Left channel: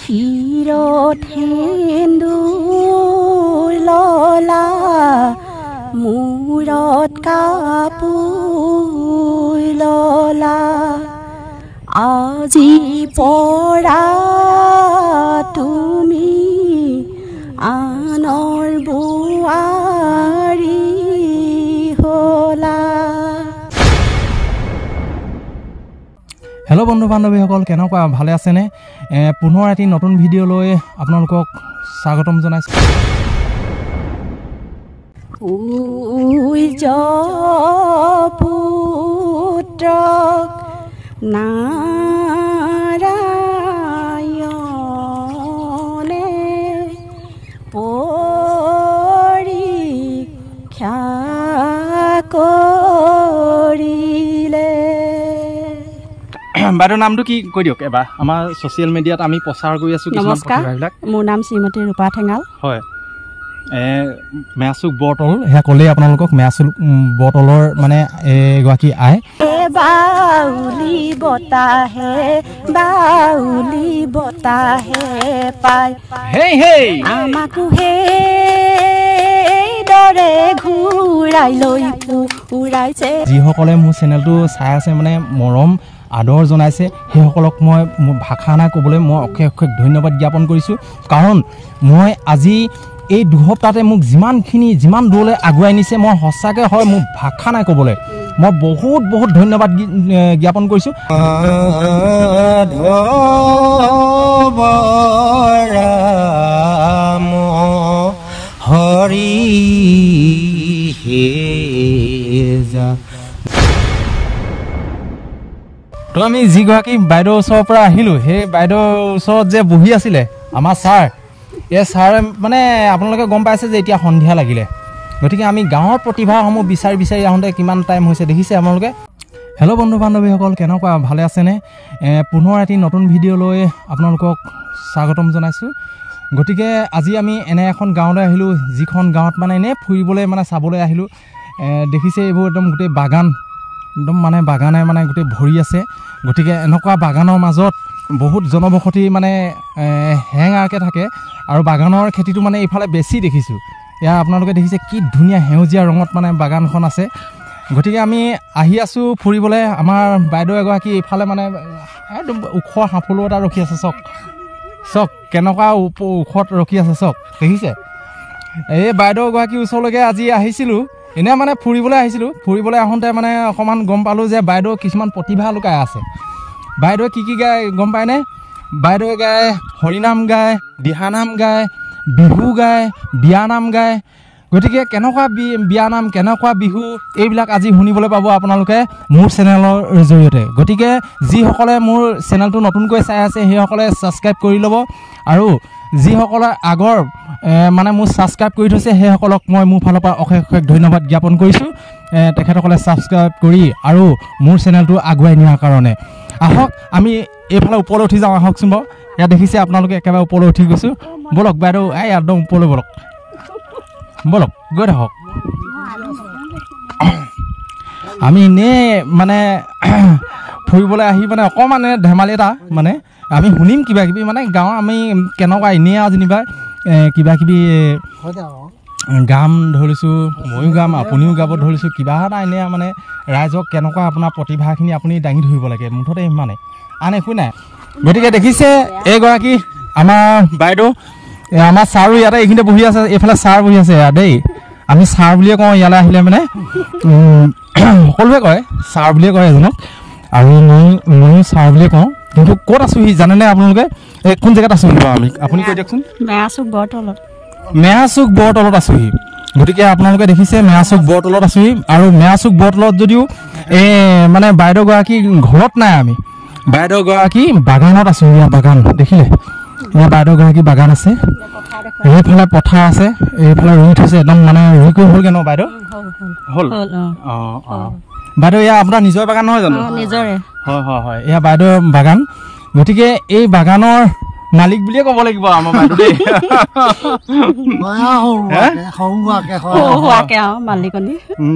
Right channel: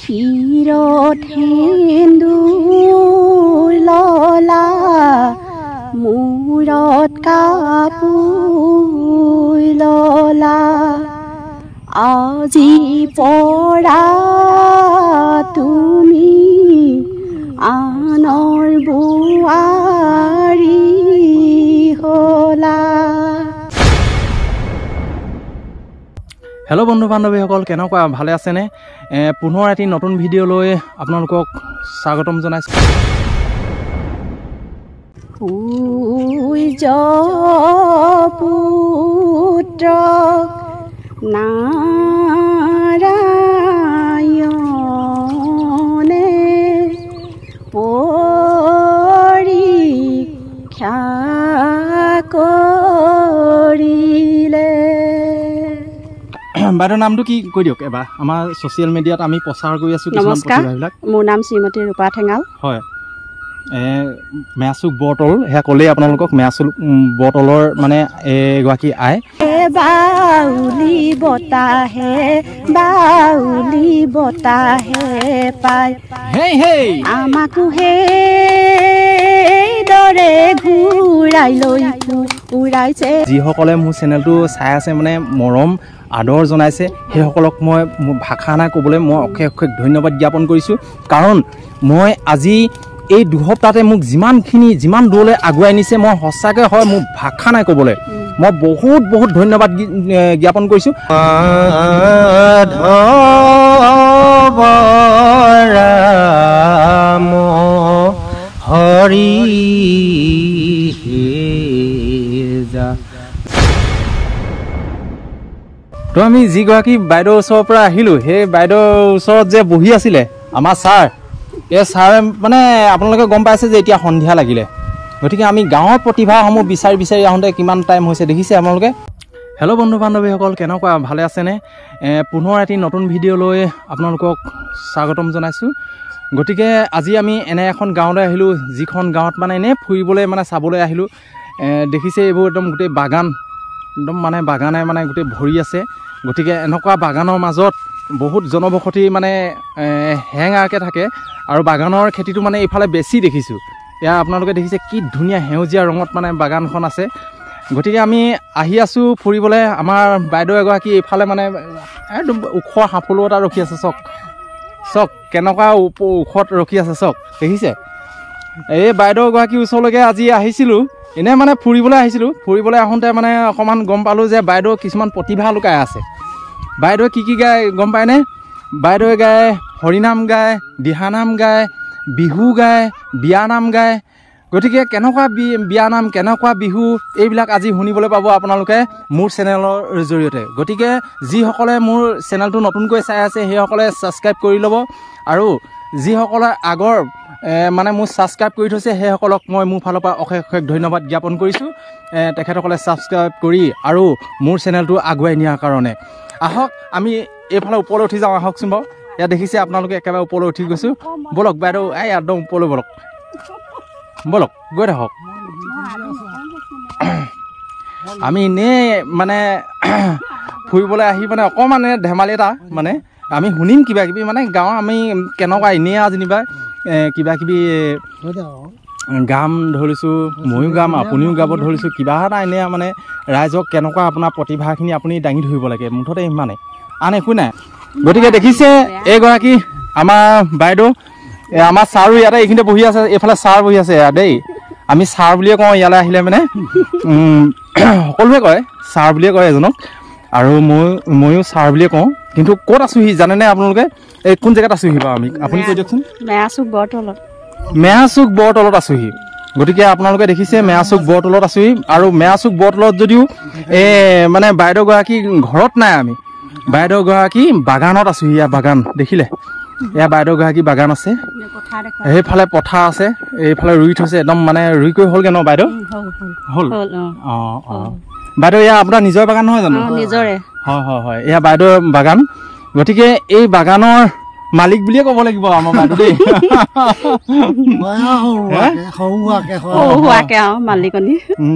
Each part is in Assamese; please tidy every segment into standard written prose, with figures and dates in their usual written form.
শিৰত সেন্দুৰ ললা মূৰত কাপোৰ ললা আজি পৰা তুমি আনৰ বোৱাৰী হলা। হেল্ল' বন্ধু বান্ধৱীসকল, কেনেকুৱা ভালে আছেনে? পুনৰ এটি নতুন ভিডিঅ'লৈ আপোনালোকক স্বাগতম জনাইছোঁ। পুত্ৰ নাৰায়ণে পৰীক্ষা কৰিলে। বাইদেউৰ নামটো কি কৈ দিয়ক এবাৰ। আমাৰ ছ'চিয়েল মিডিয়াত আমি প্ৰচাৰ কৰি আছোঁ কিছুমান প্ৰতিভাবিলাক। মোৰ নাম শ্ৰীমতী ৰূপা ঠেঙাল। হয়, মেয়াচুক বৰতল, সেয়া ক'লেই আপোনালোকক মেয়াচুক বৰতলৰ মানে এগৰাকী আই। বাউলি বতাহে পায় আমাকো সেইদৰে ঘূৰাই লৈ ফুৰাইছে। যিসকলে মোৰ চেনেলটো চাই আছে মানে মৰম আদৰ জনাইছে, সেইসকলক মই ভাষা নাই ক'বলৈ মই অশেষ অশেষ ধন্যবাদ জ্ঞাপন কৰিছোঁ। কাৰণ মই আজি এই দুসপ্তাহতে মোক যিমান দূৰলৈ আগুৱাই নিছে, মই সঁচাকৈ হয় মোৰ ভাষা নাই ক'বলৈ। মই বহুত বহুত ধন্যবাদ জ্ঞাপন কৰিছোঁ। হৰি তো আমি যিগৰাকী বাইদেউৰ ওচৰৰ পৰা আহিলোঁ, সেই বাইদেউৰ ওচৰত যে বহি আছিলে আমাৰ ছাৰ, এই ছাৰে মানে আপোনালোকে গম পাইছে যে এতিয়া সন্ধিয়া লাগিলে, গতিকে আমি গাঁৱৰ প্ৰতিভাসমূহ বিচাৰি আহোঁতে কিমান টাইম হৈছে দেখিছে আপোনালোকে। হেল্ল' বন্ধু বান্ধৱীসকল, কেনেকুৱা ভালে আছেনে? পুনৰ এটি নতুন ভিডিঅ'লৈ আপোনালোকক স্বাগতম জনাইছোঁ। গতিকে আজি আমি এনে এখন গাঁৱলৈ আহিলোঁ, যিখন গাঁৱত মানে এনেই ফুৰিবলৈ মানে চাবলৈ আহিলোঁ। দেখিছে এইবোৰ একদম গোটেই বাগান, একদম মানে বাগানে মানে গোটেই ভৰি আছে। গতিকে এনেকুৱা বাগানৰ মাজত বহুত জনবসতি মানে হেঙাৰকৈ থাকে, আৰু বাগানৰ খেতিটো মানে এইফালে বেছি দেখিছোঁ। এয়া আপোনালোকে দেখিছে কি ধুনীয়া সেউজীয়া ৰঙত মানে বাগানখন আছে। গতিকে আমি আহি আছোঁ ফুৰিবলৈ। আমাৰ বাইদেউ এগৰাকী এইফালে মানে একদম ওখ সাফলো এটা ৰখি আছে, চক কেনেকুৱা ওখত ৰখি আছে, চক দেখিছে। এই বাইদেউ এগৰাকীৰ ওচৰলৈকে আজি আহিছিলোঁ, এনেই মানে ফুৰিবলৈ আহিছিলোঁ। ফুৰিবলৈ আহোঁতে মানে অকণমান গম পালোঁ যে বাইদেউ কিছুমান প্ৰতিভা লুকাই আছে। বাইদেৱে কি গায় গম পায়নে? বাইদেৱে গায় হৰিনাম গায়, দিহানাম গায়, বিহু গায়, বিয়ানাম গায়। গতিকে কেনেকুৱা বিয়ানাম, কেনেকুৱা বিহু, এইবিলাক আজি শুনিবলৈ পাব আপোনালোকে মোৰ চেনেলৰ জৰিয়তে। গতিকে যিসকলে মোৰ চেনেলটো নতুনকৈ চাই আছে সেইসকলে ছাবস্ক্ৰাইব কৰি ল'ব, আৰু যিসকলে আগৰ মানে মোৰ ছাবস্ক্ৰাইব কৰি থৈছে সেইসকলক মই মোৰ ফালৰ পৰা অশেষ অশেষ ধন্যবাদ জ্ঞাপন কৰিছোঁ। তেখেতসকলে ছাবস্ক্ৰাইব কৰি আৰু মোৰ চেনেলটো আগুৱাই নিয়াৰ কাৰণে। আহক আমি এইফালে ওপৰলৈ উঠি যাওঁ, আহকচোন বাৰু। ইয়াত দেখিছে আপোনালোকে একেবাৰে ওপৰলৈ উঠি গৈছোঁ। ব'লক বাইদেউ, এই একদম ওপৰলৈ ব'লক গৈ থাকক। আমি এনেই মানে ফুৰিবলৈ আহি মানে অকণমান ধেমালি এটা মানে আমি শুনিম কিবা কিবি মানে গাঁৱৰ আমি কেনেকুৱা এনেই যেনিবা কিবা কিবি গাম ধৰিছোঁ, ময়ো গাম, আপুনিও গাব ধৰিছোঁ, কিবা এটা এনেই মানে ৰাইজক কেনেকুৱা আপোনাৰ প্ৰতিভাখিনি আপুনি দাঙি ধৰিব লাগে, মুঠতে ইমানে, আন একো নাই। গতিকে দেখিছে এইগৰাকী আমাৰ বাইদেউ, আমাৰ ছাৰো ইয়াতে এইখিনিতে বহি আছে, এইফালে ছাৰ বহি আছে দেই। আমি ছাৰ বুলিয়ে কওঁ ইয়ালৈ আহিলে মানে, সকলোৱে কয় ছাৰ বুলিয়ে কয় এজনক, আৰু ময়ো ছাৰ বুলিয়ে কওঁ। কিন্তু ক'ত আছোঁহি জানেনে আপোনালোকে? এই কোন জেগাত আছোঁহি বাৰু আমি, আপুনি কৈ দিয়কচোন। মেয়াচুক বৰতলত আছোঁহি। গতিকে আপোনালোকে দেখিছে মেয়াচুক বৰতলত আছোঁহি, আৰু মেয়াচুক বৰতলত যদিও মানে বাইদেউগৰাকী ঘৰত নাই, আমি বাইদেউগৰাকী বাগানত আছোঁ। ইয়াৰ বাগান দেখিলে, ইয়াৰ বাইদেউগৰাকী বাগান আছে, এইফালে পথাৰ আছে, এইফালে ৰুই থৈছে একদম মানে ৰুই কৰি হ'লগৈ ন বাইদেউ? হ'ল। অঁ বাইদেউ এয়া আপোনাৰ নিজৰ বাগান নহয় জানো? হয়, এয়া বাইদেউৰ বাগান। গতিকে এই বাগানৰ মালিক বুলিয়ে ক'ব লাগিব আমাৰ বাইদেউ দেই।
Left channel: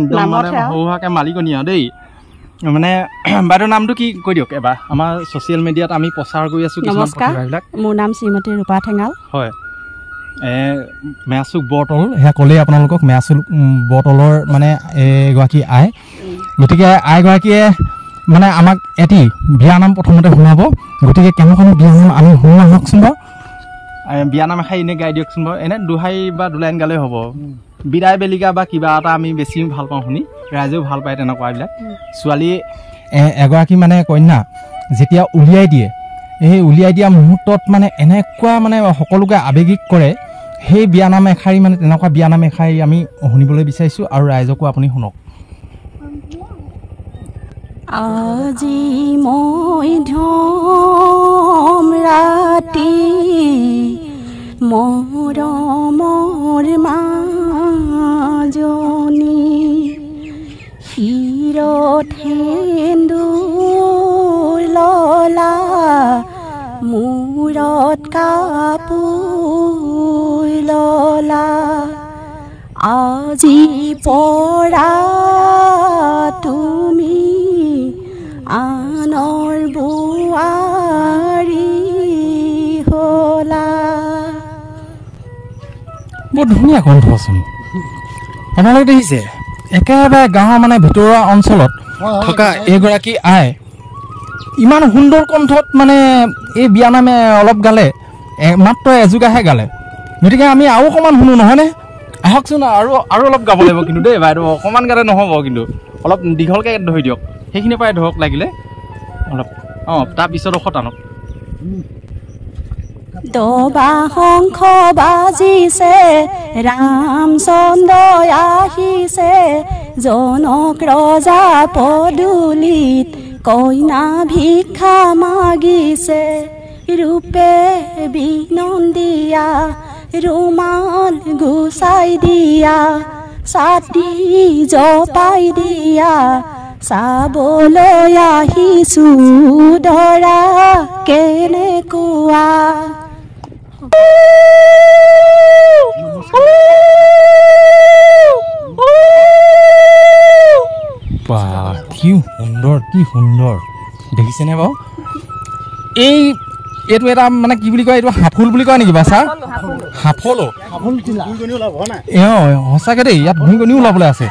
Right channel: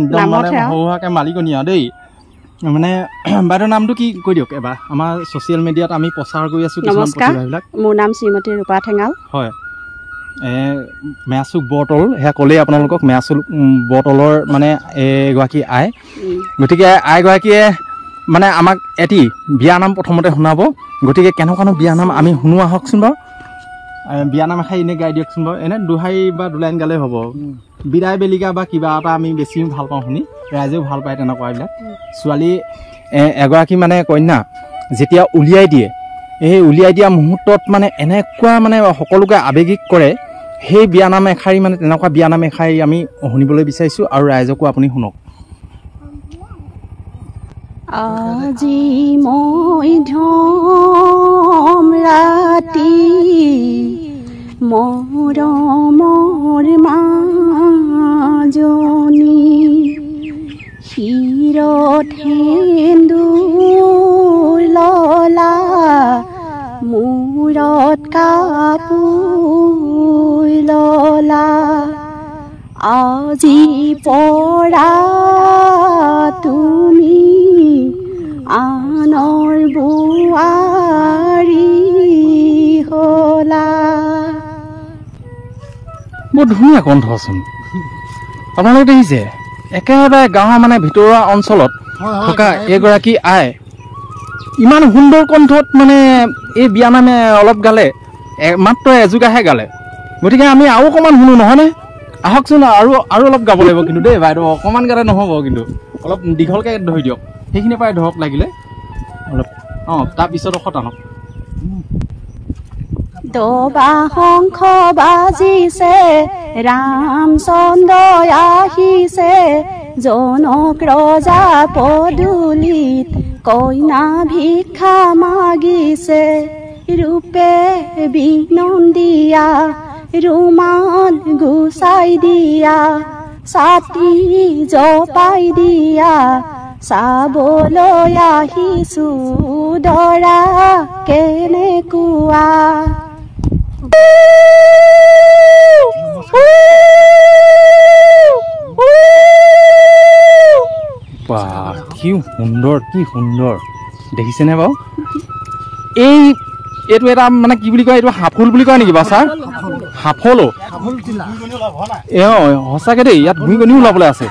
একদম মানে সৰুহাকে মালিকনী আৰু দেই। মানে বাইদেউৰ নামটো কি কৈ দিয়ক এবাৰ আমাৰ ছ'চিয়েল মিডিয়াত আমি প্ৰচাৰ কৰি আছোঁ কিছুমান প্ৰতিভাবিলাক মোৰ নাম শ্ৰীমতী ৰূপা ঠেঙাল হয় মেয়াচুক বৰতল সেয়া ক'লেই আপোনালোকক মেয়াচুক বৰতলৰ মানে এগৰাকী আই গতিকে আইগৰাকীয়ে মানে আমাক এটি বিয়ানাম প্ৰথমতে শুনাব গতিকে কেনেকুৱানো বিয়ানাম আমি শুনো আহকচোন বাৰু বিয়ানাম এষাৰ এনেই গাই দিয়কচোন বাৰু এনে দুহাই বা দুলাইন গালেই হ'ব বিদায় বেলিকা বা কিবা এটা আমি বেছি ভাল পাওঁ শুনি ৰাইজেও ভাল পায় তেনেকুৱাবিলাক ছোৱালী এগৰাকী মানে কন্যা যেতিয়া উলিয়াই দিয়ে এই উলিয়াই দিয়া মুহূৰ্তত মানে এনেকুৱা মানে সকলোকে আৱেগিক কৰে সেই বিয়ানাম এষাৰি মানে তেনেকুৱা বিয়ানাম এষাৰি আমি শুনিবলৈ বিচাৰিছোঁ আৰু ৰাইজকো আপুনি শুনক আজি মই ধম ৰাতি মৰমৰ মাজনী শিৰত সেন্দুৰ ললা মূৰত কাপোৰ ললা আজি পৰা তুমি আনৰ বোৱাৰী হলা বৰ ধুনীয়া কণ্ঠচোন আপোনালোকে দেখিছে একেবাৰে গাঁৱৰ মানে ভিতৰুৱা অঞ্চলত থকা এগৰাকী আই ইমান সুন্দৰ কণ্ঠত মানে এই বিয়ানামে অলপ গালে মাত্ৰ এযোগাহে গালে গতিকে আমি আৰু অকণমান শুনো নহয়নে আহকচোন আৰু অলপ গাব লাগিব কিন্তু দেই বাইদেউ অকণমান গালে নহ'ব কিন্তু অলপ দীঘলকৈ ধৰি দিয়ক সেইখিনি পাই ধৰক লাগিলে অলপ তাৰপিছত টানক দবা শংখ বাজিছে ৰামচন্দ্ৰ আহিছে জনক ৰজা পদূলিত কইনা ভিক্ষা মাগিছে ৰূপে বিনন্দিয়া ৰুমাল গুচাই দিয়া ছাতি জপাই দিয়া চাবলৈ আহিছো দৰা কেনেকুৱা কি সুন্দৰ দেখিছেনে বাৰু এইটো এটা মানে কি বুলি কয় এইটো হাফুল বুলি কয় নেকি বা ছাৰ হাফলো সঁচাকে দেই ইয়াত ভূঁইকণিও ওলাবলৈ আছে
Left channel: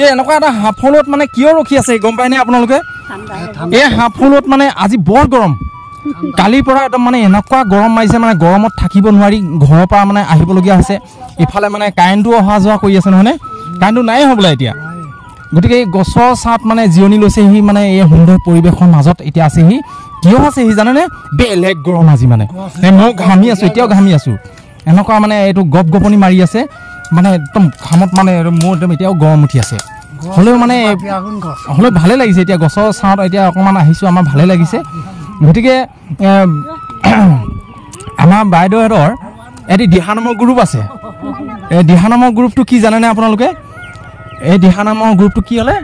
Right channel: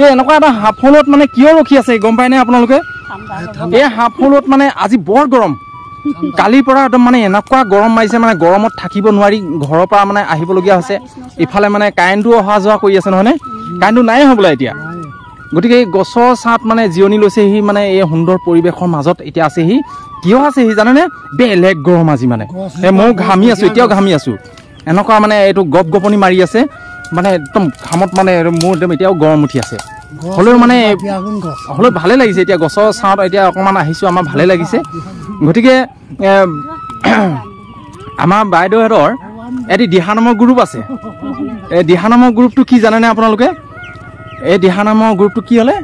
এই এনেকুৱা এটা হাফলত মানে কিয় ৰখি আছে গম পায়নে আপোনালোকে এই হাফলত মানে আজি বৰ গৰম কালিৰ পৰা একদম মানে এনেকুৱা গৰম মাৰিছে মানে গৰমত থাকিব নোৱাৰি ঘৰৰ পৰা মানে আহিবলগীয়া হৈছে ইফালে মানে কাৰেণ্টটো অহা যোৱা কৰি আছে নহয়নে কাৰেণ্টটো নাই হ'বলা এতিয়া গতিকে এই গছৰ ছাঁত মানে জিৰণি লৈছেহি মানে এই সুন্দৰ পৰিৱেশৰ মাজত এতিয়া আছেহি কিয় আছেহি জানেনে বেলেগ গৰম আজি মানে মই ঘামি আছোঁ এতিয়াও ঘামি আছোঁ এনেকুৱা মানে এইটো গপ গপনি মাৰি আছে মানে একদম ঘামত মানে মোৰ একদম এতিয়াও গৰম উঠি আছে হ'লেও মানে হ'লেও ভালে লাগিছে এতিয়া গছৰ ছাঁত এতিয়া অকণমান আহিছোঁ আমাৰ ভালে লাগিছে গতিকে আমাৰ বাইদেউহঁতৰ এটি দিহানামৰ গ্ৰুপ আছে এই দিহানামৰ গ্ৰুপটো কি জানেনে আপোনালোকে এই দিহানামৰ গ্ৰুপটো কি হ'লে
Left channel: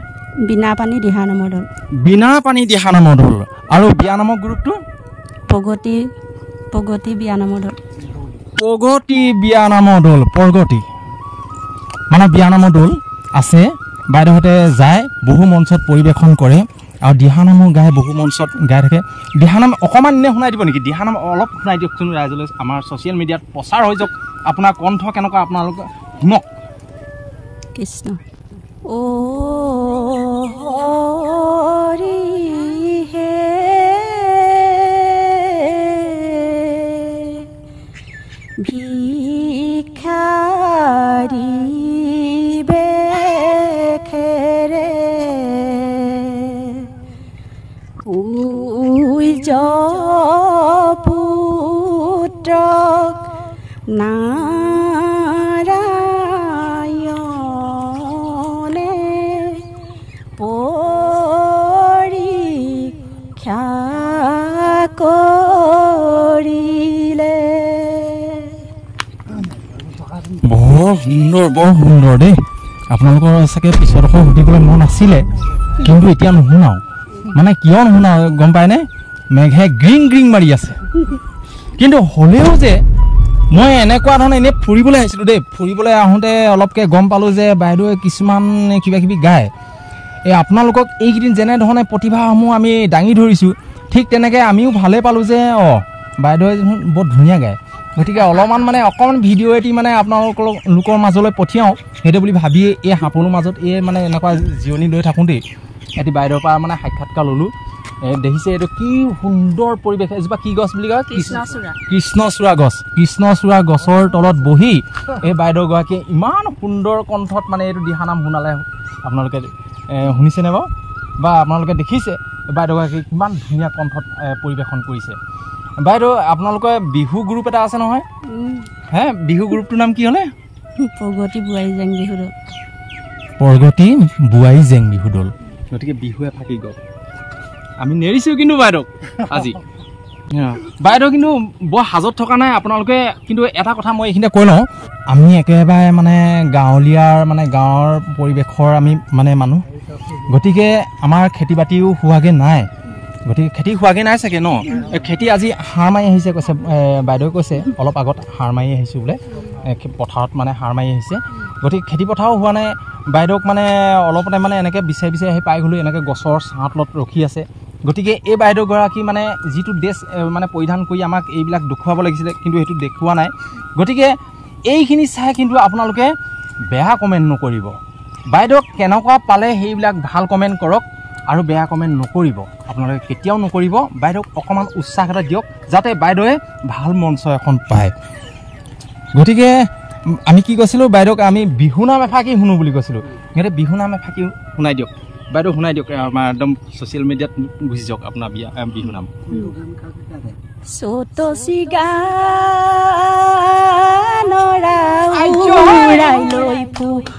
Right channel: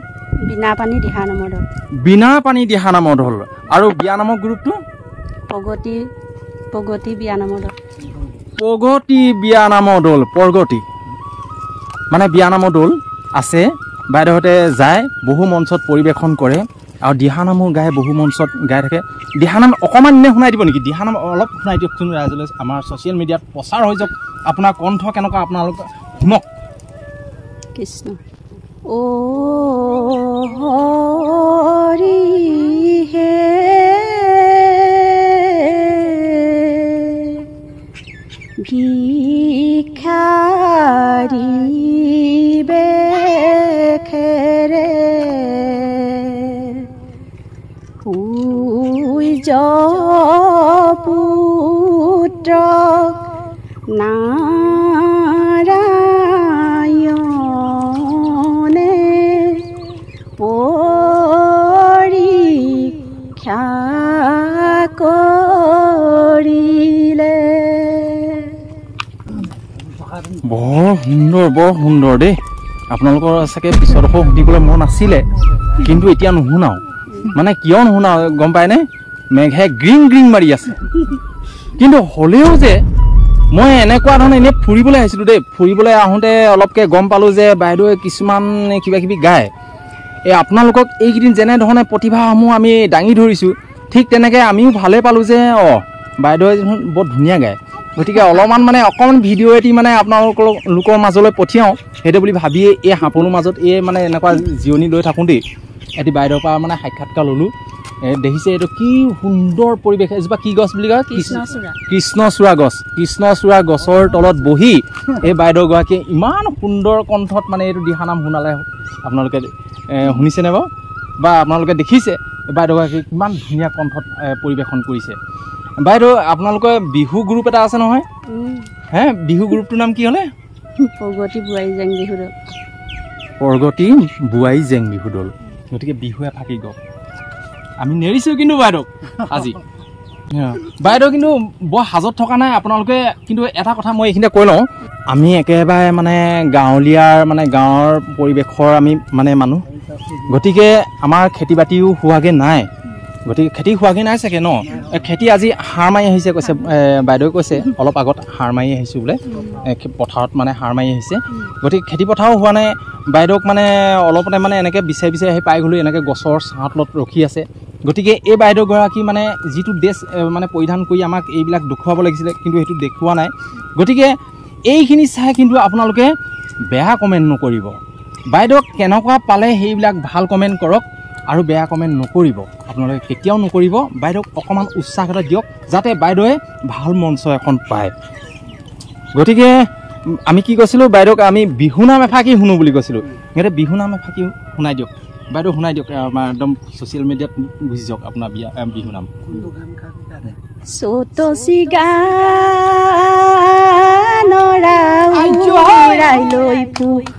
বিনা পানী দিহানামৰ দল আৰু বিয়ানামৰ গ্ৰুপটো প্ৰগতি বিয়ানামৰ দল প্ৰগতি মানে বিয়ানামৰ দল আছে বাইদেউহঁতে যায় বহু মঞ্চত পৰিৱেশন কৰে আৰু দিহানামো গাই বহু মঞ্চত গাই থাকে দিহানাম অকণমান এনে শুনাই দিব নেকি দিহানাম অলপ শুনাই দিয়কচোন ৰাইজলৈ আমাৰ ছ'চিয়েল মিডিয়াত প্ৰচাৰ হৈ যাওক আপোনাৰ কণ্ঠ কেনেকুৱা আপোনালোকে শুনক কৃষ্ণ ও হৰি হে ভিখাৰী বেখেৰে সূৰ্য পুত্ৰক নাৰায়ণে পৰীক্ষা কৰিলে বৰ সুন্দৰ দেই আপোনালোকৰ চাগে পিছত আকৌ সুধিবলৈ মন আছিলে কিন্তু এতিয়া নুশুনাও মানে কিয় নুশুনাও গম পায়নে মেঘে গ্ৰিং মাৰি আছে কিন্তু হ'লেও যে মই এনেকুৱা ধৰণে এনেই ফুৰিবলৈ আহিছিলোঁ দেই ফুৰিবলৈ আহোঁতে অলপকৈ গম পালোঁ যে বাইদেৱে কিছুমান কিবা কিবি গায় এই আপোনালোকক এইকেইদিন যেনেধৰণে প্ৰতিভাসমূহ আমি দাঙি ধৰিছোঁ ঠিক তেনেকৈ আমিও ভালেই পালোঁ যে বাইদেৱে বৰ ধুনীয়া গায় গতিকে অলপমান মানে অকণমান ভিডিঅ' এটি মানে আপোনালোকৰ মাজলৈ পঠিয়াওঁ সেইটো বুলি ভাবিয়ে এই সাপলৰ মাজত এই মানে এনেকুৱা জিৰণি লৈ থাকোঁতেই এটি বাইদেউৰ পৰা মানে সাক্ষাৎকাৰ ল'লোঁ দেখিছে এইটো কি সুন্দৰ পৰিৱেশ এজোপা কি গছ বুলি কয় কৃষ্ণচূড়া গছ কৃষ্ণচূড়া গছৰ তলত বহি এই বাইদেউগৰাকীয়ে ইমান সুন্দৰ কণ্ঠত মানে এইটো দিহানাম শুনালে আপোনালোকে শুনিছেনে বাৰু বা আপোনালোকে দেখিছে এই বাইদেউগৰাকী কিমান ধুনীয়া কণ্ঠত পৰিৱেশন কৰিছে বাইদেউ আপোনালোকৰ বিহু গ্ৰুপ এটা আছে নহয় হে বিহু গ্ৰুপটোৰ নাম কি হ'লে প্ৰগতি বোৱাৰী জেং বিহু দল গতিকে বিহুৱে ফাকি গ'ল আমি নেৰিছোঁ কিন্তু বাইদেউক আজি বাইদেউ কিন্তু বৰ সাজত থকা নাই আপোনালোকে কিন্তু এটা কথা মই এইখিনিতে কৈ লওঁ আমি একেবাৰে মানে গাঁৱলীয়াৰ মানে গাঁৱৰ পৰিৱেশৰ আমি মানে মানুহ গতিকে আমাৰ খেতি বাতিও হোৱাগৈ নাই গতিকে খেতি হোৱাগৈ নাই চাগে ন খেতি আজি সাৰ মাৰি আহিছে কৈছে বাইদেৱে কৈছে অলপ আগত সাৰ মাৰি আহিছোঁ বোলে পথাৰত মানে সাৰ মাৰি আহিছে গতিকে খেতি পথাৰো হোৱা নাই বাইদেউক মানে অলপতে মানে এনেকৈ বিচাৰি বিচাৰি আহি পাই গ'লোঁ এনেকৈ গছৰ ছাঁত তলত ৰখি আছে গতিকে এই বাইদেউগৰাকী মানে যিটো ড্ৰেছ মানে পৰিধান কৰি আমাক এইবিলাক দেখুৱাব লাগিছিলে কিন্তু সেইটো দেখুওৱা নাই গতিকে এইখিনি চাই কিন্তু আপোনালোকে বেয়া কমেণ্ট নকৰিব বাইদেউক কেনেকুৱা পালে সেইবিলাক ভাল কমেণ্ট কৰক আৰু বেয়া কমেণ্ট নকৰিব আপোনালোকে কেতিয়াও নকৰিব বাইদেউক অকণমান উৎসাহ এটা দিয়ক যাতে বাইদেৱে ভাল মঞ্চ এখন পায় গতিকে আমি কি কৈছিলোঁ বাইদেউক আমি বিহুনাম এফাকি শুনো বুলি কৈছিলোঁ সিহঁতে বিহুনাম এফাকি শুনাই দিয়ক বাইদেউ শুনাই দিয়ক আমাৰ একদম ছ'চিয়েল মিডিয়াত গুচি যাওক আপোনাৰ বিহুনাম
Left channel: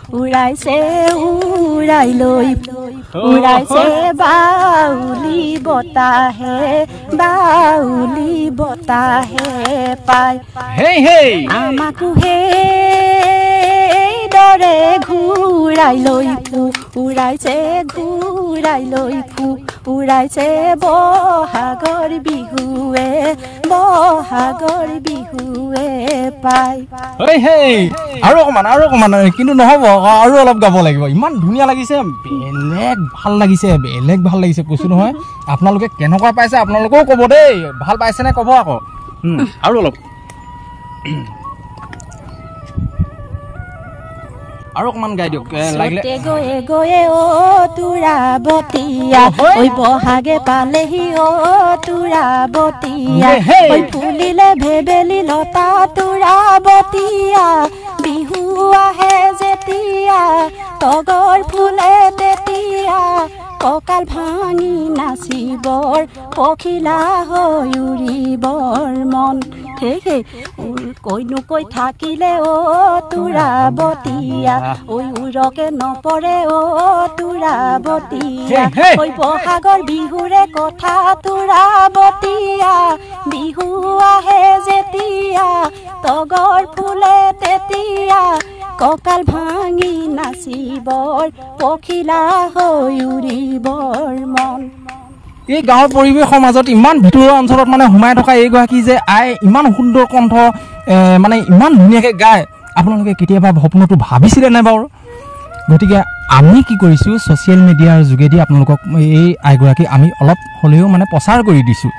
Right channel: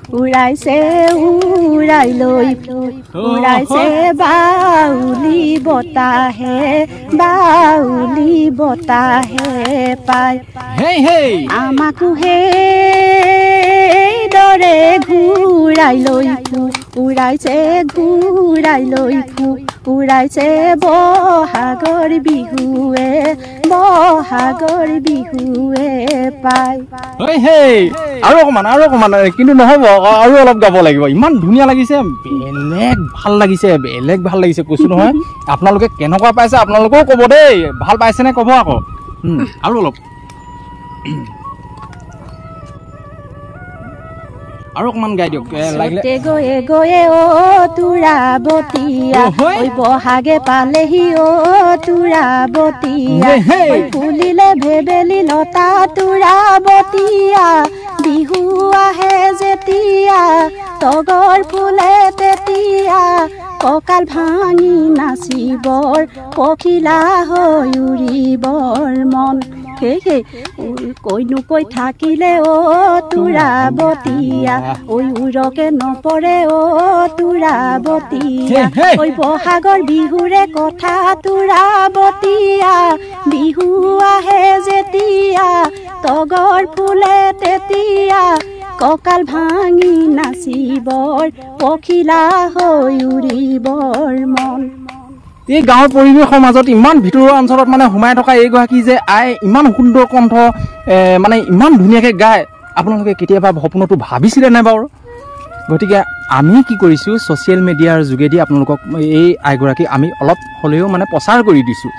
উৰাইছে বাউলি বতাহে পায় আমাকো সেই দৰে ঘূৰাই লৈ উৰাইছে বহাগৰ বিহুৱে পায় আৰু অকণমান কিন্তু নহ'ব আৰু অলপ গাব লাগিব ইমান ধুনীয়া লাগিছে বেলেগ ভাল লাগিছে কৈছোঁ নহয় আপোনালোকে কেনেকুৱা পাইছে আপোনালোকেও ক'ব দেই ভাল পাইছেনে ক'ব আকৌ আৰু অলপ আৰু অকণমান গাই দিয়ক গয়ে গয়ে তোৰা বতিয়া বহাগে পালেহি তোৰা বতিয়া ফুলিলে ভেবেলি লতা তোৰা বতিয়া বিহু আহে যেতিয়া তগৰ ফুলে তেতিয়া কঁকাল ভাঙি নাচিবৰ পখিলা হৈ উৰিবৰ মন কৈ থাকিলে তোৰা বতিয়া উৰকে নপৰে তোৰা বতিয়া বহাগৰ বিহুৰে কথা তোৰা বতিয়া বিহু আহে যেতিয়া তগৰ ফুলে তেতিয়া কঁকাল ভাঙি নাচিবৰ পখিলা হৈ উৰিবৰ মন এই গাঁৱৰ পৰিৱেশৰ মাজত ইমান ভিতৰুৱা অঞ্চলত মানে সোমাই থকা এইগৰাকী যে ইমান সুন্দৰ কণ্ঠ মানে ইমান ধুনীয়াকৈ গায় আপোনালোকে কেতিয়াবা সপোনতো ভাবিছিলে নাই বাৰু গতিকে আমি কি কৰিছোঁ ছ'চিয়েল মিডিয়াৰ যোগেদি আপোনালোকক এই আইগৰাকী আমি অলপ হ'লেও মানে প্ৰচাৰ কৰি দিছোঁ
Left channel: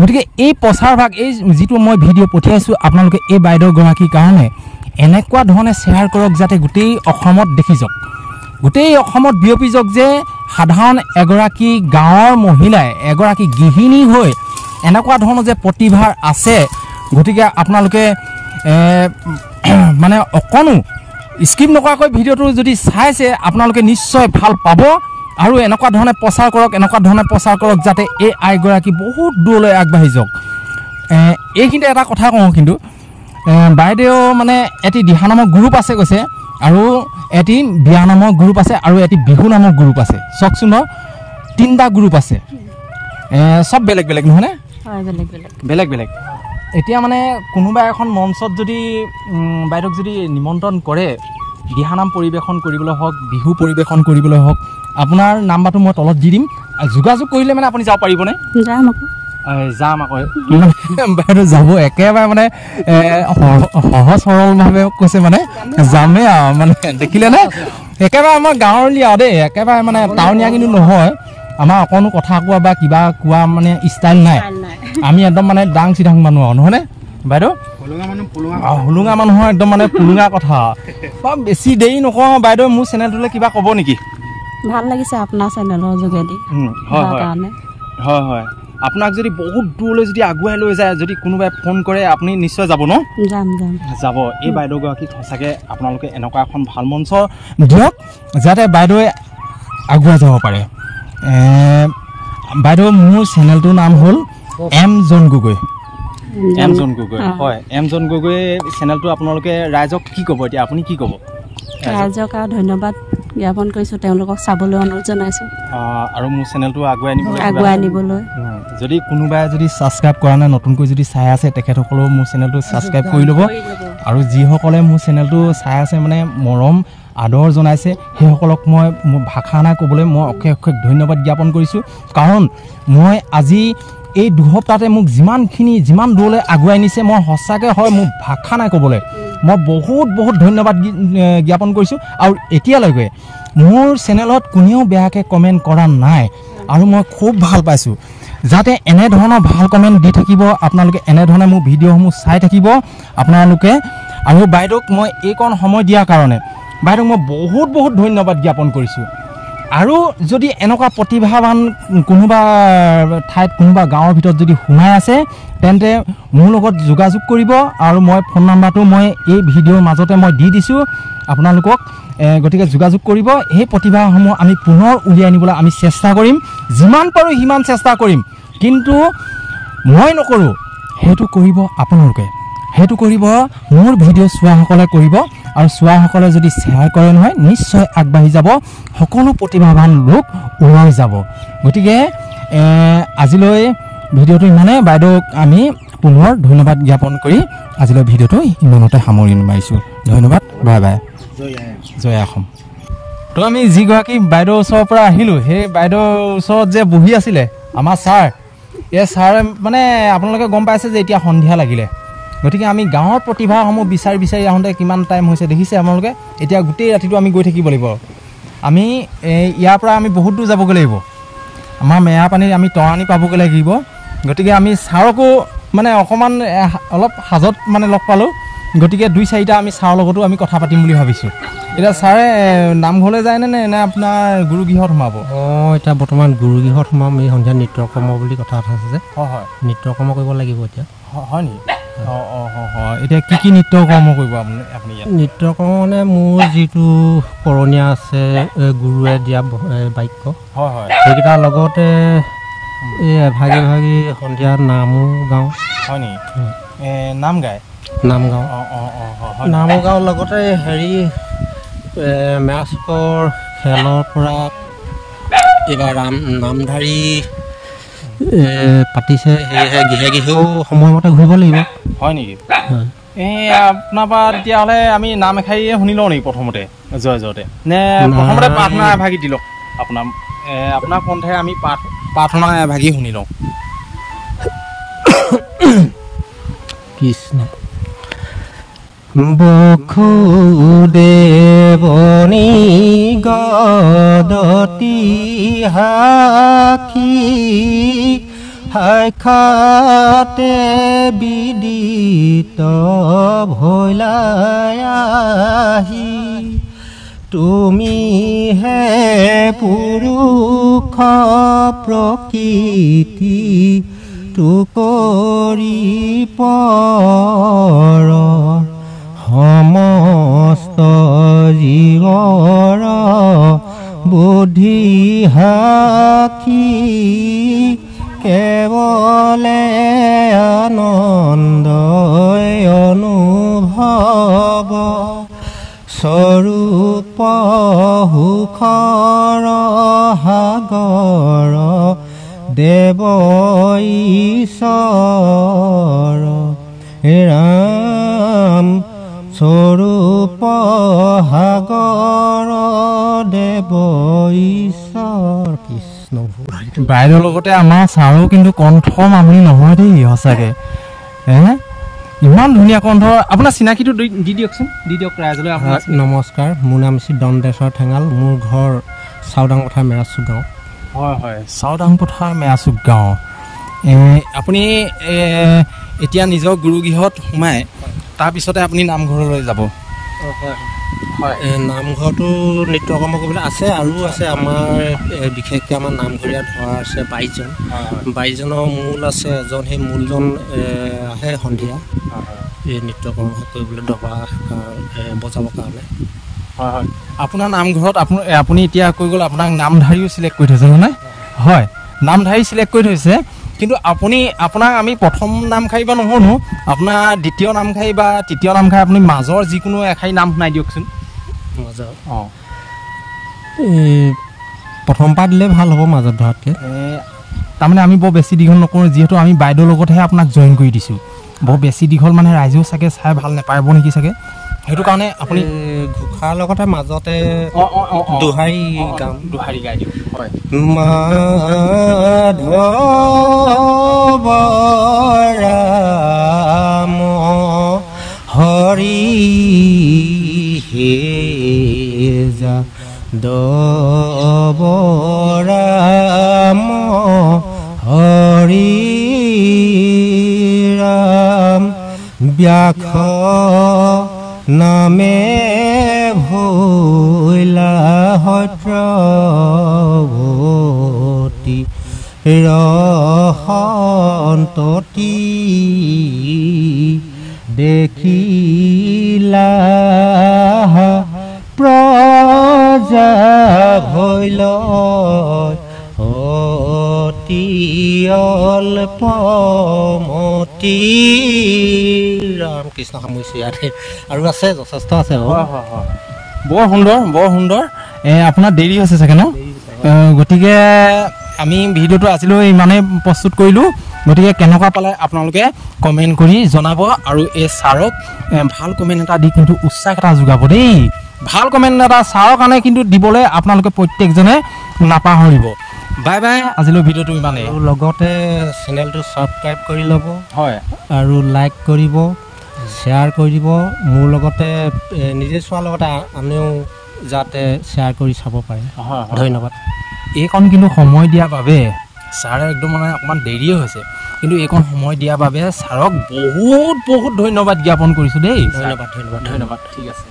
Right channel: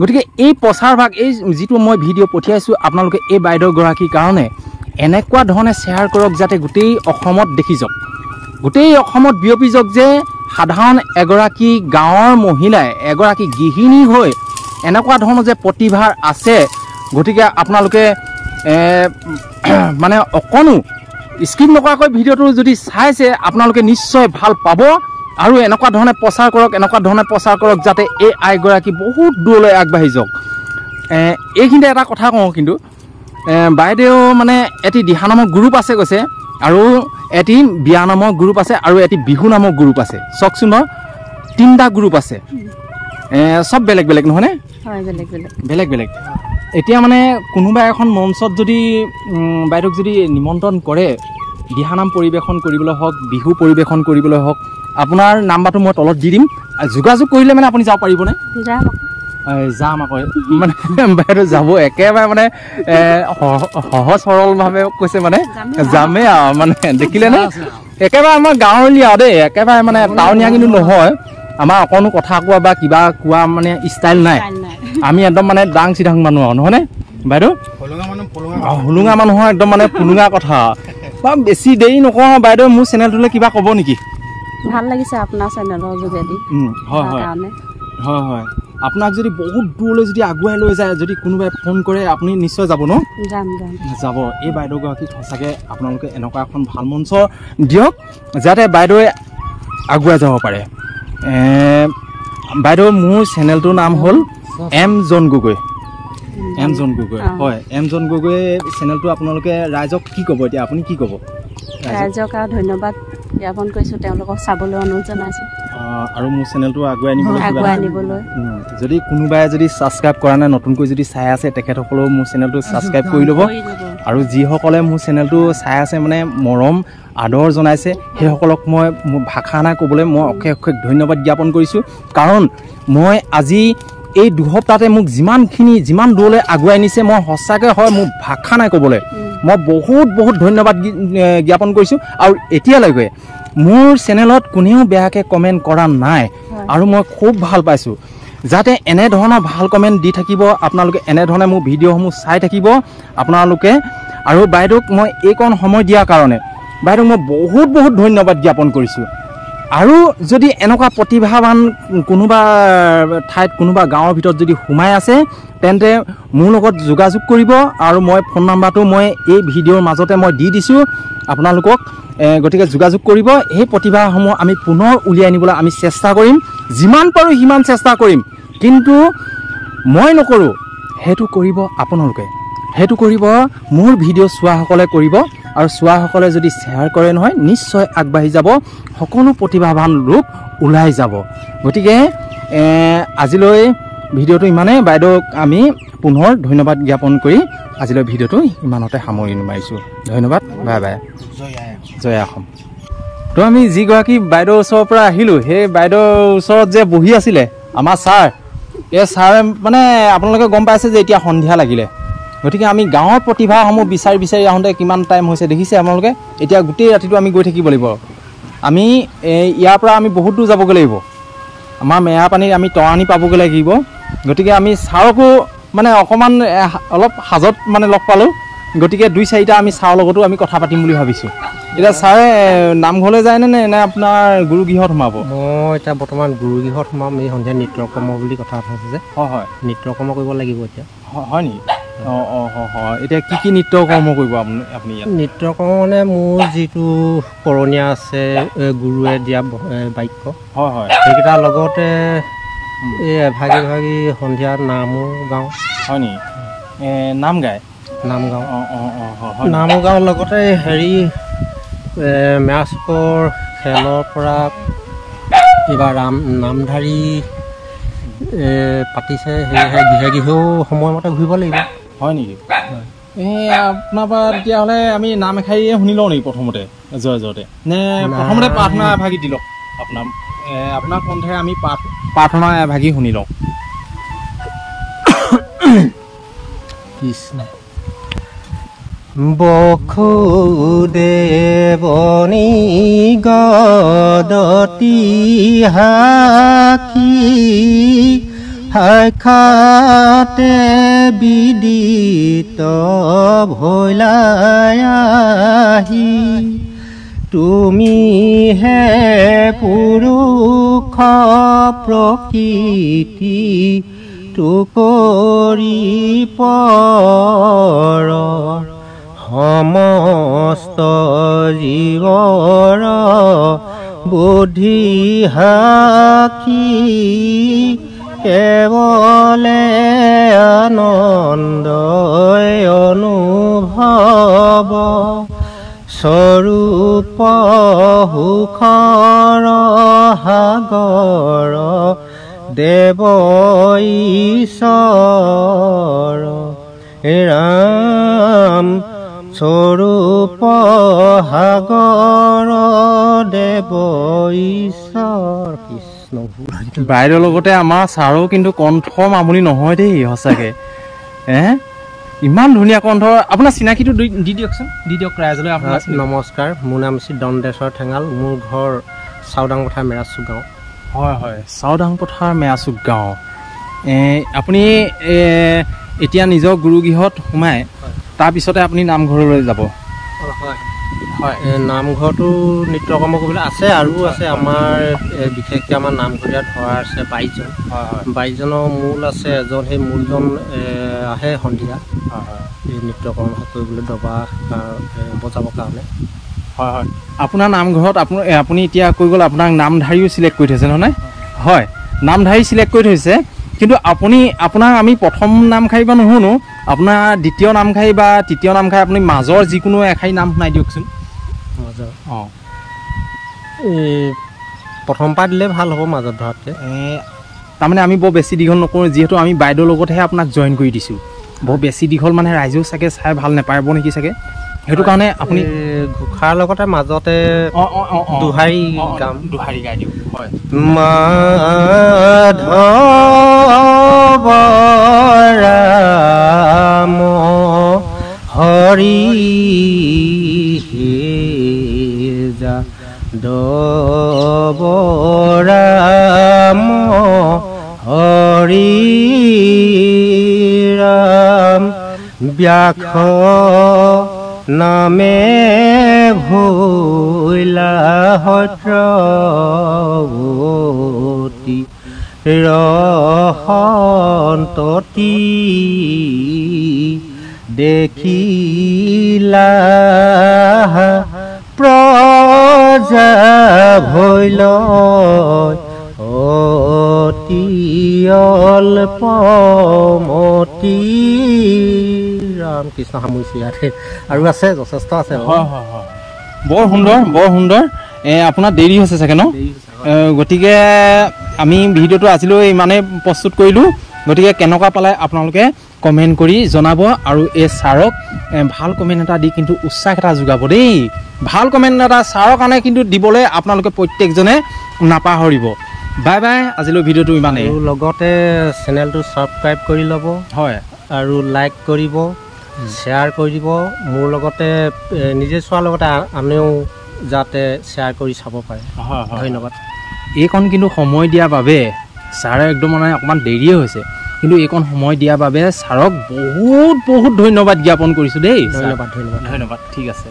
গতিকে এই প্ৰচাৰভাগ এই যিটো মই ভিডিঅ' পঠিয়াইছোঁ আপোনালোকে এই বাইদেউগৰাকীৰ কাৰণে এনেকুৱা ধৰণে শ্বেয়াৰ কৰক যাতে গোটেই অসমত দেখি যাওক গোটেই অসমত বিয়পি যাওক যে সাধাৰণ এগৰাকী গাঁৱৰ মহিলাই এগৰাকী গৃহিণী হৈ এনেকুৱা ধৰণৰ যে প্ৰতিভাৰ আছে গতিকে আপোনালোকে মানে অকণো স্কিপ নকৰাকৈ ভিডিঅ'টো যদি চাইছে আপোনালোকে নিশ্চয় ভাল পাব আৰু এনেকুৱা ধৰণে প্ৰচাৰ কৰক যাতে এই আইগৰাকী বহুত দূৰলৈ আগবাঢ়ি যাওক এইখিনিতে এটা কথা কওঁ কিন্তু বাইদেউ মানে এটি দিহানামৰ গ্ৰুপ আছে কৈছে আৰু এটি বিয়া নামৰ গ্ৰুপ আছে আৰু এটি বিহু নামৰ গ্ৰুপ আছে চাওকচোন বাৰু 3টা গ্ৰুপ আছে সব বেলেগ নহয়নে বেলেগ এতিয়া মানে কোনোবা এখন মঞ্চত যদি বাইদেউক যদি নিমন্ত্ৰণ কৰে দিহানাম পৰিৱেশন কৰিবলৈ হওক বিহু পৰিৱেশন কৰিবলৈ হওক আপোনাৰ নাম্বাৰটো মই তলত দি দিম যোগাযোগ কৰিলে মানে আপুনি যাব পাৰিবনে যাম আকৌ বাইদেউ যাব একেবাৰে মানে সহজ সৰলভাৱে কৈছে মানে যামেই আৰু মানে দেখিলে নে একেবাৰে আমাৰ গাঁৱলীয়া দেই একেবাৰে মানে টাউনীয়া কিন্তু নহয় আমাৰ অকণো কথা কোৱা বা কিবা কোৱা মানে ষ্টাইল নাই আমি একদম মানে ডাং চিধাং মানুহ আৰু নহয়নে বাইদেউ হুলুঙা মানুহৰ একদম মানে পুলুঙা কথা বেছি দেৰি নকওঁ বাইদেউ মোৰ চেনেলটোলৈ কিবা ক'ব নেকি ভাল লাগিছে আপোনাৰ চেনেলৰ যোগেদি হয় হয় হয় হয় আপোনাক যদি বহুত দূৰলৈ যদি আগুৱাই লৈ যায় যদি কোনোবাই ফোন কৰে আপুনি নিশ্চয় যাব ন যাব এই বাইদেউগৰাকীক সঁচাকৈ আপোনালোকে এনেকুৱা এখন ভাল মঞ্চ দিয়ক যাতে বাইদেৱে আগুৱাই যাব পাৰে বাইদেউ মোৰ চেনেলটোৰ নাম হ'ল এম জন গগৈ হয় এম জন গগৈ চেনেলটো আপোনালোকে ৰাইজক কি ক'ব এতিয়া আপুনি কি ক'ব ৰাইজক ধন্যবাদ জ্ঞাপন কৰিছোঁ তেওঁলোকক চাবলৈ অনুৰোধ জনাইছোঁ আৰু মোৰ চেনেলটো আগুৱাই নিবলৈ যদি কোনোবাই যদি ছাবস্ক্ৰাইব কৰা নাই নতুনকৈ যদি চাই আছে তেখেতসকলেও মোৰ চেনেলটো ছাবস্ক্ৰাইব কৰি ল'ব আৰু যিসকলে মোৰ চেনেলটো চাই আছে মানে মৰম আদৰ জনাইছে সেইসকলক মই মোৰ ভাষা নাই ক'বলৈ মই অশেষ অশেষ ধন্যবাদ জ্ঞাপন কৰিছোঁ কাৰণ মই আজি এই দুসপ্তাহতে মোক যিমান দূৰলৈ আগুৱাই নিছে মই সঁচাকৈ হয় মোৰ ভাষা নাই ক'বলৈ মই বহুত বহুত ধন্যবাদ জ্ঞাপন কৰিছোঁ আৰু এতিয়ালৈকে মোৰ চেনেলত কোনেও বেয়াকৈ কমেণ্ট কৰা নাই আৰু মই খুব ভাল পাইছোঁ যাতে এনেধৰণে ভাল কমেণ্ট দি থাকিব আপোনালোকে এনেধৰণে মোৰ ভিডিঅ'সমূহ চাই থাকিব আপোনালোকে আৰু বাইদেউক মই এইকণ সময় দিয়াৰ কাৰণে বাইদেউক মই বহুত বহুত ধন্যবাদ জ্ঞাপন কৰিছোঁ আৰু যদি এনেকুৱা প্ৰতিভাৱান কোনোবা ঠাইত কোনোবা গাঁৱৰ ভিতৰত যদি সোমাই আছে তেন্তে মোৰ লগত যোগাযোগ কৰিব আৰু মই ফোন নাম্বাৰটো মই এই ভিডিঅ'ৰ মাজতে মই দি দিছোঁ আপোনালোকক গতিকে যোগাযোগ কৰিব এই প্ৰতিভাসমূহ আমি পুনৰ উলিয়াই আনিবলৈ আমি চেষ্টা কৰিম যিমান পাৰোঁ সিমান চেষ্টা কৰিম কিন্তু মই নকৰোঁ সেইটো কৰিব আপোনালোকে সেইটো কৰিব মোৰ ভিডিঅ' চোৱাসকলে কৰিব আৰু চোৱাসকলে যদি শ্বেয়াৰ কৰে নহয় নিশ্চয় আগবাঢ়ি যাব সকলো প্ৰতিভাৱান লোক ওলাই যাব গতিকে আজিলৈ ভিডিঅ'টো ইমানেই বাইদেউক আমি পুনৰ ধন্যবাদ জ্ঞাপন কৰি আজিলৈ ভিডিঅ'টো ইমানতে সামৰি মাৰিছোঁ ধন্যবাদ বাই বাই জয় অসম তো আমি যিগৰাকী বাইদেউৰ ওচৰৰ পৰা আহিলোঁ সেই বাইদেউৰ ওচৰত যে বহি আছিলে আমাৰ ছাৰ এই ছাৰে মানে আপোনালোকে গম পাইছে যে এতিয়া সন্ধিয়া লাগিলে গতিকে আমি গাঁৱৰ প্ৰতিভাসমূহ বিচাৰি আহোঁতে কিমান টাইম হৈছে দেখিছে আপোনালোকে এতিয়া গোটেই ৰাতিটো আমি গৈ থাকিব লাগিব আমি ইয়াৰ পৰা আমি বহুত দূৰ যাবগৈ লাগিব আমাৰ মেৰাপানীত আমি তৰাণী পাবগৈ লাগিব গতিকে আমি ছাৰকো মানে অকণমান অলপ সাজত মানে লগ পালোঁ গতিকে 2-4টা আমি ছাৰৰ লগতো আমি কথা পাতিম বুলি ভাবিছোঁ এতিয়া ছাৰে নামঘৰলৈ যায়নে নে আপোনাৰ গুৰুগৃহত সোমাব মই এতিয়া বৰ্তমান গুৰুগৃহত সোমাম এই সন্ধিয়া নৃত্যকৰ্ম বুলি কথা আছে যে হয় নৃত্যকৰ্ম কৰিব লাগিব এতিয়া হয় নেকি হয় এতিয়া কি নৃত্যকৰ্ম কৰিব আপুনি নৃত্যকৰ্ম মানে মোৰ যিটো কৰণীয়া আছে গুৰুৱে দিয়া বাক্য হয় সেইকেইটাৰ লগতে এই এভাগি সন্ধিয়া নামো গাওঁ হয় নেকি নাম গায় নাম গাঁৱৰ লগতে হেৰি মেৰাচুকৰ খেলৰ পৰা এইবাৰ নামধাৰী পাতিছে সেয়েহে গৃহেও সময়মতে ঘূৰিব লাগিব হয় নেকি আপোনাৰ পৰা তেতিয়াহ'লে আমি নাম এষাৰিয়ে শুনি লওঁ নেকি প্ৰথমতে জয়তে নে প্ৰথমতে প্ৰাৰ্থনা এভাগি দি লওক আপোনাৰ কণ্ঠেৰে আমি প্ৰাৰ্থনা এভাগি শুনি লওঁ কৃষ্ণ বসুদেৱনী গদতি হাখি সাক্ষাতে বিদিত ভৈলাই আহি তুমি হে পুৰুষ প্ৰকৃতি টুপৰি পৰ সমস্ত জীৱৰ বুদ্ধি সাক্ষী কেৱলে আনন্দ অনুভৱ স্বৰূপ সুখৰ সাগৰ দেৱ ঈশ্বৰ ৰাম স্বৰূপ সাগৰ দেৱ ঈশ্বৰ কৃষ্ণ কৃষ্ণ বাইদেউৰ লগতে আমাৰ ছাৰো কিন্তু কণ্ঠ মামুলি নহয় দেই সঁচাকৈ ইমান ধুনীয়া কণ্ঠ আপোনাৰ চিনাকিটো দি দিয়কচোন দি দিয়ক ৰাইজলৈ আপোনাৰ নমস্কাৰ মোৰ নাম শ্ৰী দণ্ডেশ্বৰ ঠেঙাল মোৰ ঘৰ চাউদাং পথাৰ মেৰাচুক গাঁও হয় হয় চাউদাং পথাৰ মেৰাচুক গাঁও আপুনি এতিয়া নিজৰ গুৰুগৃহত সোমাই তাৰপিছতে আপুনি নামঘৰলৈ যাব হয় নামঘৰটো নৃত্যকৰ্ম কৰিবলৈ আছে আৰু আছে আমাৰ বিশেষকৈ আমাৰ নামঘৰীয়া ধৰা আছে 22জনৰ মূল আছে এজন সেই মূলজন আহে সন্ধিয়া এই নৃত্যকৰ্ম কৰিবলৈ দবা বজাবৰ কাৰণে হয় হয় আপোনাৰ নামঘৰত আপুনি এতিয়া কৈ গ'ল আপোনাৰ নামধাৰীও চিলেক্ট কৰি থৈছে নহয় হয় নামধাৰী চিলেক্ট কৰি থৈছে কিন্তু আপোনাৰ আমি প্ৰথম নামশাৰী বা নুশুনো আপোনাৰ দ্বিতীয় নামশাৰী বা তৃতীয় নামশাৰী আপুনি মাজৰ যিকোনো এশাৰী নাম শুনাই দিয়কচোন অঁ প্ৰথম পাত দিলে ভাল হ'ব মাজত ধৰাতকৈ তাৰমানে আমি বৰ বেছি দীঘল নকৰোঁ যিহেতু আমি বাইদেউৰ লগতহে আপোনাক জইন কৰি দিছোঁ বৰ বেছি দীঘল মানে ৰাইজেও চাগে চাই ভাল নাপাব নেকি চাগে সেইটো কাৰণে আপুনি ঘোষাৰ লগতে মাজতে দোহাৰী গাই দিওঁ হয় মাধৱ ৰাম হৰি যাদৱ ৰাম হৰি ৰাম ব্যাস নামে ভৈলা সত্ৰৱতী ৰসন্ততী দেখিলা প্ৰজা ভৈল অতি অল্পমতী ৰাম কৃষ্ণ সামৰিছোঁ ইয়াতে আৰু আছে যথেষ্ট আছে বৰ সুন্দৰ আপোনাৰ দেৰি হৈছে চাগে ন গতিকে আমি ভিডিঅ'টো আজিলৈ ইমানেই প্ৰস্তুত কৰিলোঁ গতিকে কেনেকুৱা পালে আপোনালোকে কমেণ্ট কৰি জনাব আৰু এই ছাৰক ভাল কমেণ্ট এটা দি কিন্তু উৎসাহ এটা যোগাব দেই ভাল কমেণ্ট এটা ছাৰৰ কাৰণে কিন্তু দিবলৈ আপোনালোকে প্ৰত্যেকজনে নাপাহৰিব বাই বাই আজিলৈ ভিডিঅ'টো ইমানেই আৰু লগতে চেনেলটো ছাবস্ক্ৰাইব কৰি ল'ব হয় আৰু লাইক কৰিব শ্বেয়াৰ কৰি দিব মোৰ লগতে নিজে চোৱাৰ লগতে আনেও যাতে শ্বেয়াৰ কৰি চাব পাৰে ধন্যবাদ এইকণ কিন্তু সময় দিয়াৰ বাবে ছাৰে একদম মানে অকণমান দেৰিয়ে হৈছে কিন্তু এইকণ সময় দিয়াৰ বাবে ছাৰক বহুত বহুত ধন্যবাদ জ্ঞাপন কৰিছোঁ দেই ধন্যবাদ ধন্যবাদ ঠিক আছে